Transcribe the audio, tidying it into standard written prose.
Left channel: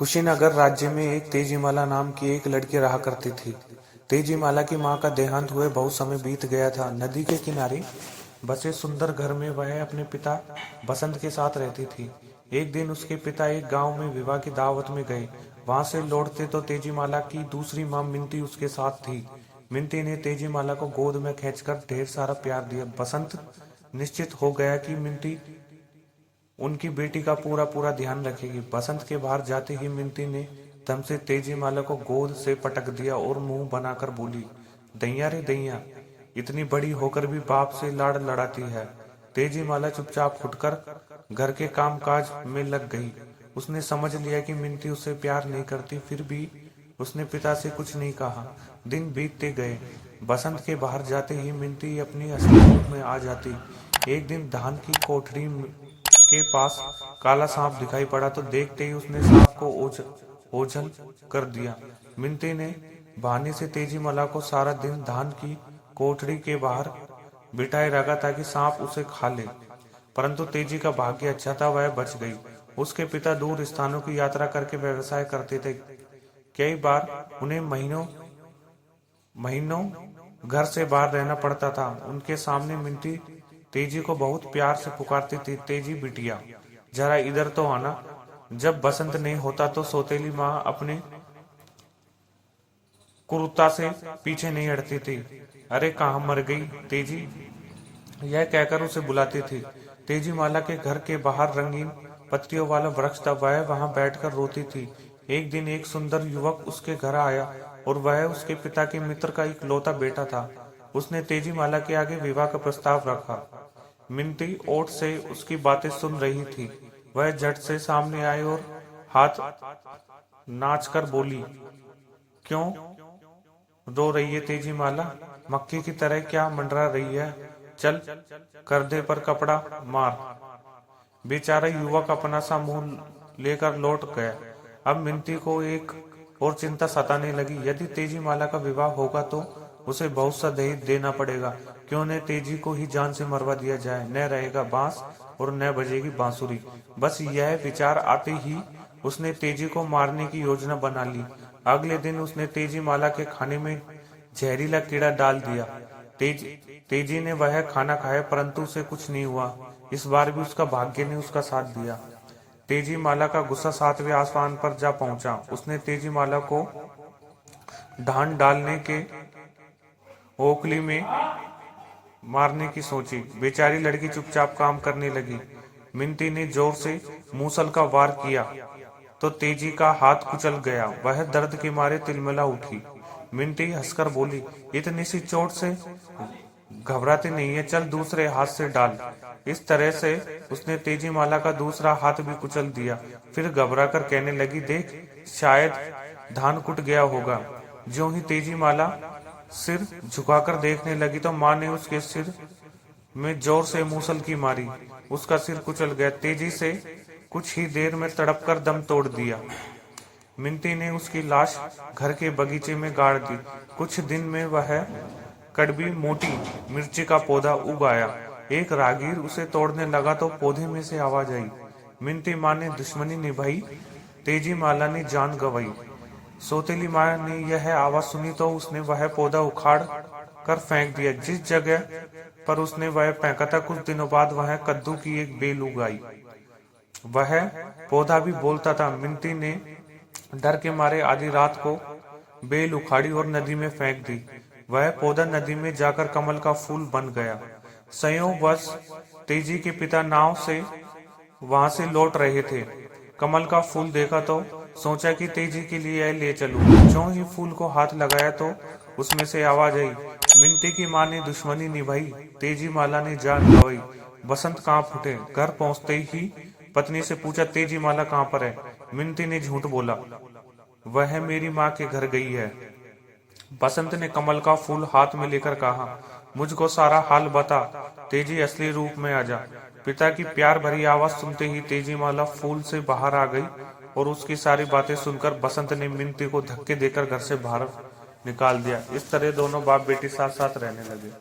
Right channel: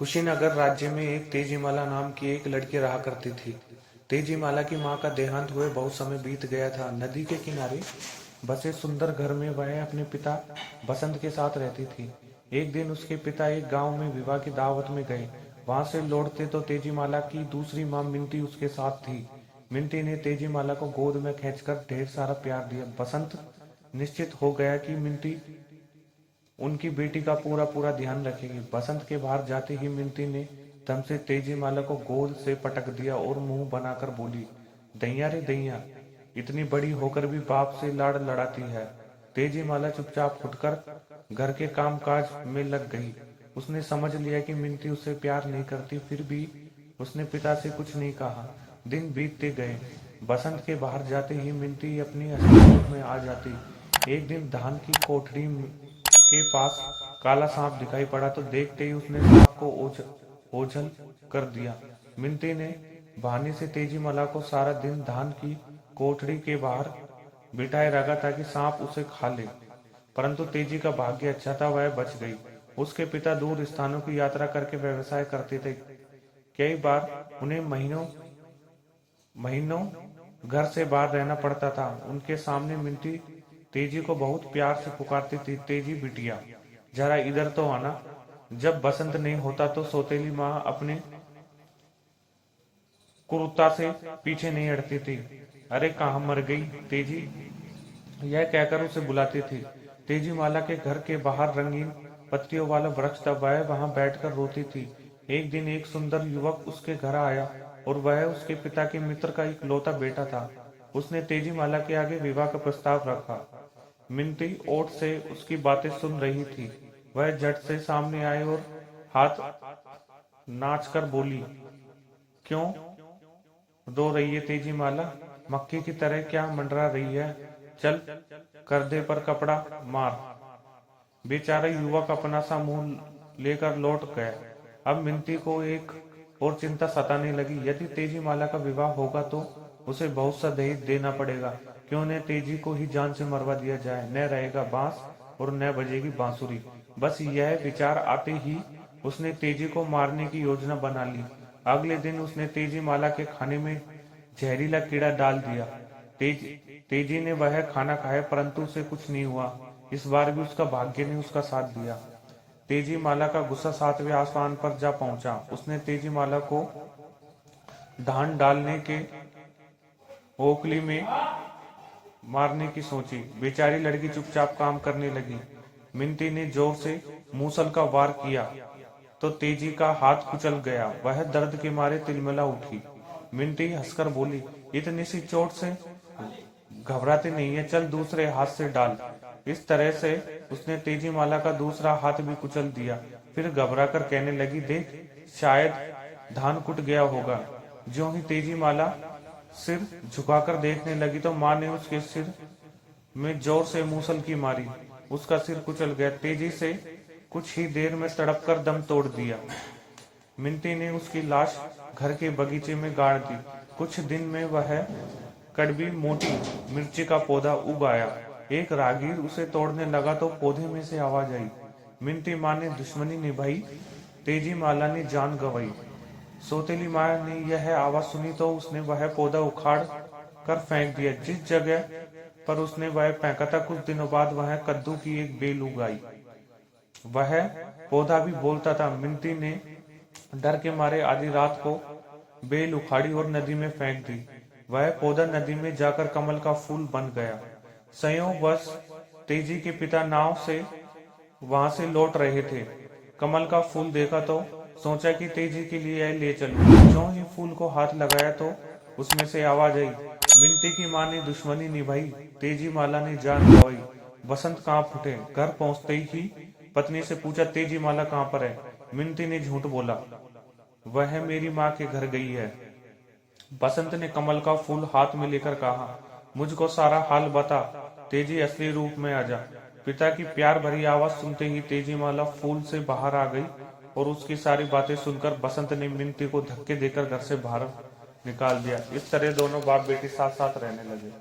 कुशीनगर राज्य में एक तेजीमाला नाम की एक लड़की रहा करती थी। तेजीमाला की मां का देहांत हुए बहुत समय बीत गया था। नदी के किनारे बसे सुंदर घर में वह अपने पिता बसंत के साथ रहती थी। एक दिन उसके पिता एक गांव में विवाह की दावत में गए। वहां से लौटते तो तेजीमाला की दूसरी मां मिंती उसके साथ थी। मिंती ने तेजीमाला को गोद में खींचकर ढेर सारा प्यार दिया। बसंत निश्चित हो गया कि मिंती उनकी बेटी का पूरा पूरा ध्यान रखेगी। बसंत के बाहर जाते ही मिंती ने दम से तेजीमाला को गोद से पटक दिया और मुंह बनाकर बोली, दैया रे दैया, इतनी बड़ी होकर भी बाप से लाड़ लड़ाती है। तेजीमाला चुपचाप उठकर घर के काम काज में लग गई। उसने समझ लिया कि मिंती उससे प्यार नहीं करती, फिर भी उसने पिता से कुछ नहीं कहा। दिन बीतते गए। बसंत के बाहर जाते ही मिंती अपनी असली रूप में आ जाती। एक दिन धान की कोठरी के पास काला सांप दिखाई पड़ा तो देखते ही उसने सांप को ओझल कर दिया। मिंती ने बहाने से तेजीमाला को सारा दिन धान की कोठरी के बाहर बिठाए रखा ताकि सांप उसे खा ले, परंतु तेजी का भाग्य अच्छा था, वह बच गई। उसके पिता दूर स्थानों की यात्रा करके व्यवसाय करते थे। कई बार उन्हें महीनों महीनों घर से बाहर रहना पड़ता था। उनके सामने मिंटी तेजी को बहुत प्यार से पुकारती थी, तेजी बिटिया, जरा इधर तो आना। जब बसंत नहीं होता तो सौतेली माँ अपने क्रूरता से पीछे नहीं हटती थी। अरे कहाँ मर गई तेजी, यह कहकर उसे बुलाती थी। तेजी माला के घर के बाहर रंगीन पत्तियों वाला वृक्ष था, वह वहां बैठकर रोती थी। एक दिन एक सुंदर युवक उसके घर आया और वह उसके पिता के मित्र का इकलौता बेटा था। उसने तेजी माला के आगे विवाह का प्रस्ताव रखा। मिंटी ओठ से उसकी बातें सुन रही थी। वह झट से सामने आई और हाथ नाचकर बोली, क्यों रो रही है तेजी माला, मक्खी की तरह क्या मंडरा रही है? चल करदे पर कपड़ा मार। बेचारा युवक अपना सा मुंह लेकर लौट गया। अब मिंती को एक और चिंता सताने लगी। यदि तेजी माला का विवाह होगा तो उसे बहुत सा दहेज देना पड़ेगा। क्यों न तेजी को ही जान से मरवा दिया जाए, न रहेगा बांस और न बजेगी बांसुरी। बस यह विचार आते ही उसने तेजी को मारने की योजना बना ली। अगले दिन उसने तेजी माला के खाने में जहरीला कीड़ा डाल दिया। तेजी ने वह खाना खाया, परंतु उसे कुछ नहीं हुआ। इस बार भी उसका भाग्य ने उसका साथ दिया। तेजी माला का गुस्सा 7वें आसमान पर जा पहुंचा। उसने तेजी माला को धान डालने के ओखली में मारने की सोची। बेचारी लड़की चुपचाप काम करने लगी। मिंती ने जोर से मूसल का वार किया तो तेजी का हाथ कुचल गया। वह दर्द के मारे तिलमिला उठी। मिंटी हंसकर बोली, इतनी सी चोट से घबराती नहीं है, चल दूसरे हाथ से डाल। इस तरह से उसने तेजी माला का दूसरा हाथ भी कुचल दिया। फिर घबराकर कहने लगी, देख शायद धान कुट गया होगा। ज्यों ही तेजी माला सिर झुकाकर देखने लगी तो माँ ने उसके सिर में जोर से मूसल की मारी। उसका सिर कुचल गया। तेजी से कुछ ही देर में तड़प कर दम तोड़ दिया। मिंटी ने उसकी लाश घर के बगीचे में गाड़ दी। कुछ दिन में वह कड़वी मोटी मिर्ची का पौधा उग आया। एक राहगीर उसे तोड़ने लगा तो पौधे में से आवाज आई। मिंटी माँ ने दुश्मनी निभाई, तेजी माला ने जान गंवाई। सौतेली माँ ने यह आवाज सुनी तो उसने वह पौधा उखाड़ कर फेंक दिया। जिस जगह पर उसने वह फेंका था, कुछ दिनों बाद वह कद्दू की एक बेल उगाई। वह पौधा भी बोलता था। मिंटी ने डर के मारे आधी रात को बेल उखाड़ी और नदी में फेंक दी। वह पौधा नदी में जाकर कमल का फूल बन गया। संयोगवश तेजी के पिता नाव से वहां से लौट रहे थे। कमल का फूल देखा तो सोचा कि तेजी के लिए यह ले चलूं। ज्यों ही फूल को हाथ लगाया तो उसमें से आवाज आई। मिंटी की माँ ने दुश्मनी निभाई, तेजी माला ने जान गंवाई। बसंत कांप उठे। घर पहुंचते ही पत्नी से पूछा, तेजी माला कहाँ पर है? मिंटी ने झूठ बोला, वह मेरी माँ के घर गई है। बसंत ने कमल का फूल हाथ में लेकर कहा, मुझको सारा हाल बता, तेजी असली रूप में आ जा। पिता की प्यार भरी आवाज सुनते ही तेजी माला फूल से बाहर आ गई और उसकी सारी बातें सुनकर बसंत ने मिंटी को धक्के देकर घर से बाहर निकाल दिया। इस तरह दोनों बाप बेटी साथ साथ रहने लगे।